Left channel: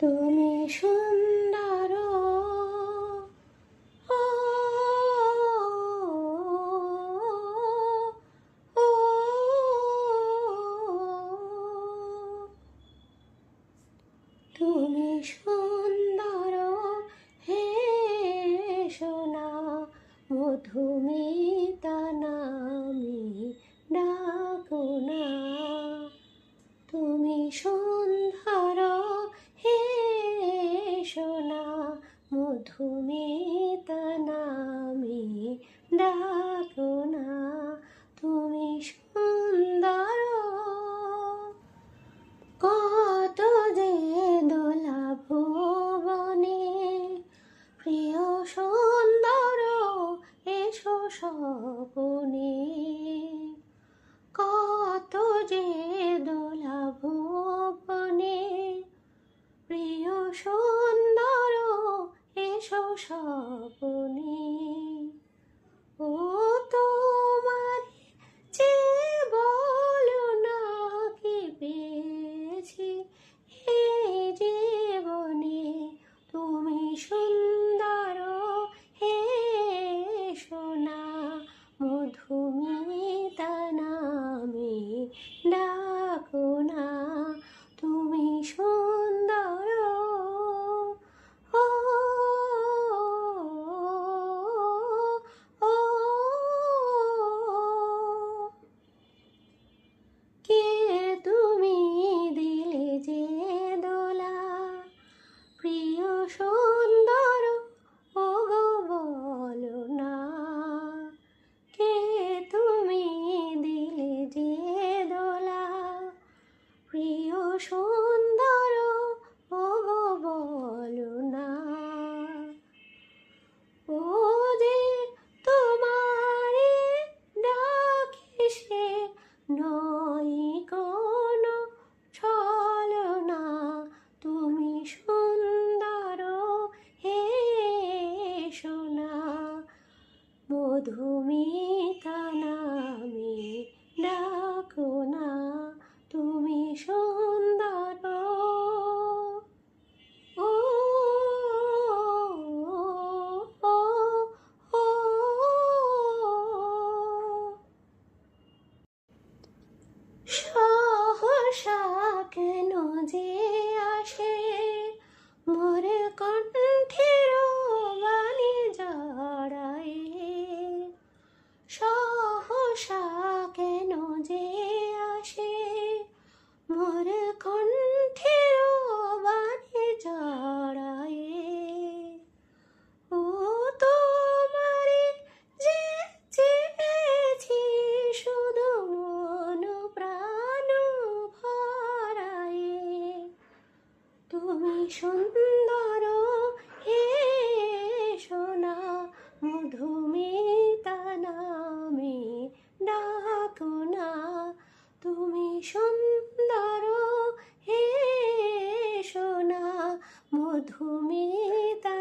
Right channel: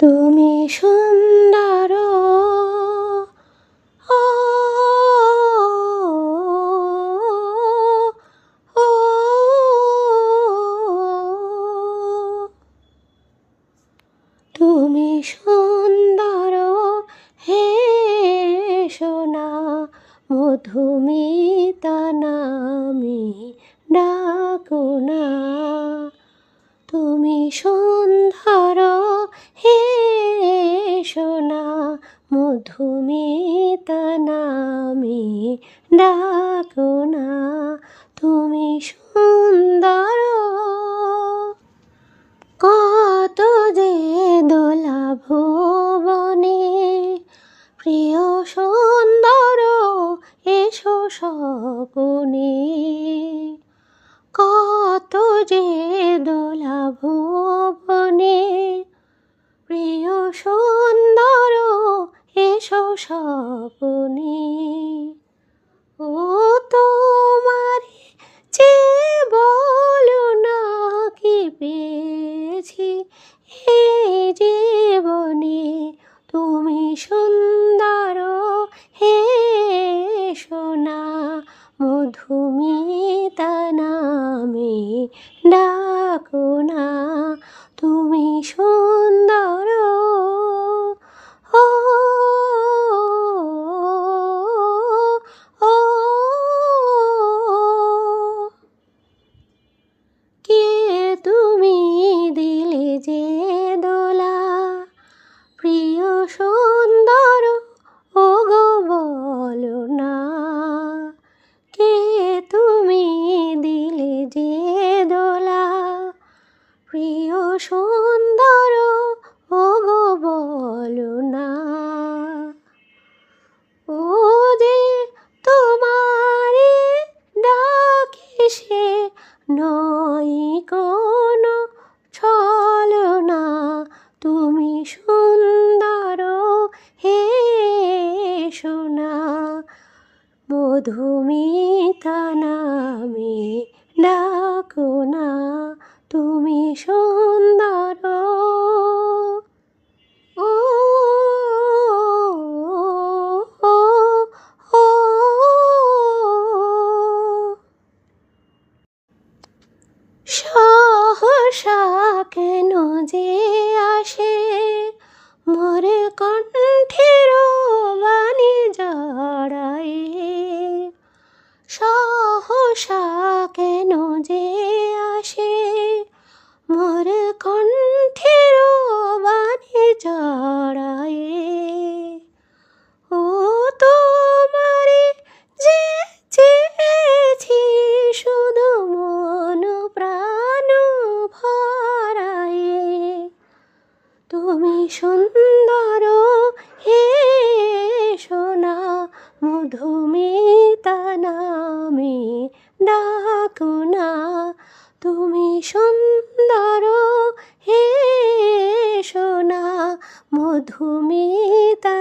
তুমি সুন্দর। ও তুমি সুন্দর হে সোনা মধুমিতা নামে ডাকো না। নামে ডাকো না তুমি সুন্দর। কত যে দোলা ভুবনে প্রিয় সুন্দর এসো সপনে সপনে ও তোমার যে বলো না কি পেয়েছি এই জীবনে তুমি সুন্দর মধুমিতা নামে ডাকো না তুমি সুন্দর সহসা কেন যে আসে? মোর কণ্ঠের বাণী জড়ায়। ও তোমারে যে চেয়েছি শুধু মন প্রাণ ভরায়ে। তুমি সুন্দর, হে সোনা মধুমিতা সুন্দর হে সোনা মধুমিতা